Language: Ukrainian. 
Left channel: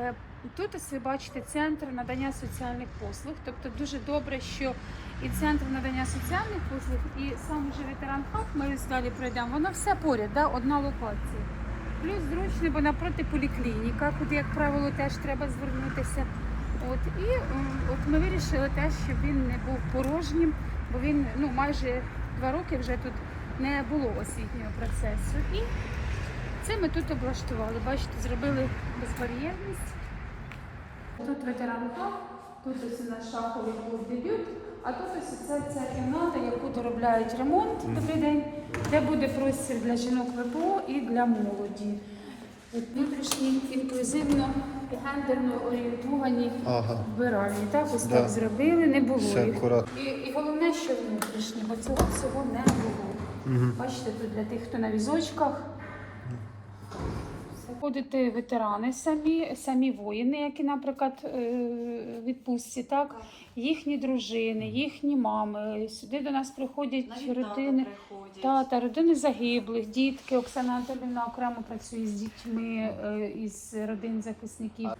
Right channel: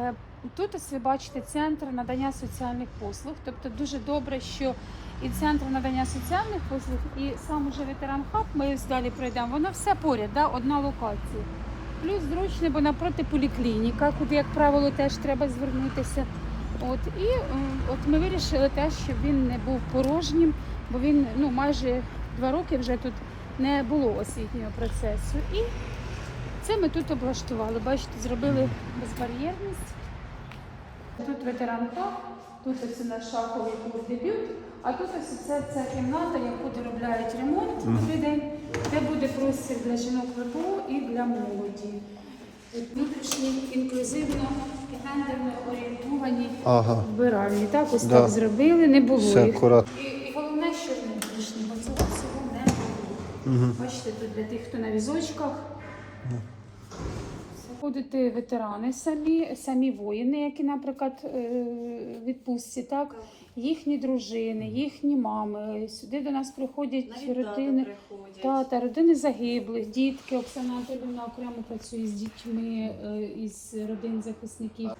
Е, Тут ось ви бачите центр надання соціальних послуг. Тобто дуже добре, що і центр надання соціальних послуг, і сам уже ветеран хаб, ми далі пройдемо. Воно все поряд, да? одна локація. Плюс зручно, бо напроти поліклініка, куди, як правило, теж треба звернутися. От і от ми вирішили теж, щоб він не був порожнім, бо він ну майже два роки вже тут не було освітнього процесу. І це ми тут облаштували. Бачите, зробили безбар'єрність. Тут ветеран хаб, тут ось у нас шаховий був дебют, а тут ось це ця кімната, яку доробляють ремонт добрий день, де буде простір для жінок ВПО і для молоді. Внутрішні інклюзивно гендерно орієнтовані Ага. вбиральні. Так, ось Да. так зробили, не було Все їх. І, і головне, що внутрішні, бо цього всього не було. Угу. Бачите, тут для тих, хто на візочках. Заходити ветерани самі, самі воїни, які, наприклад, е, відпустці, так? їхні дружини, їхні мами. Сюди до нас приходять Навіть тата родини. приходять. Тата, родини загиблих, дітки. Оксана Антонівна окремо працює з дітьми е, із родин захисників.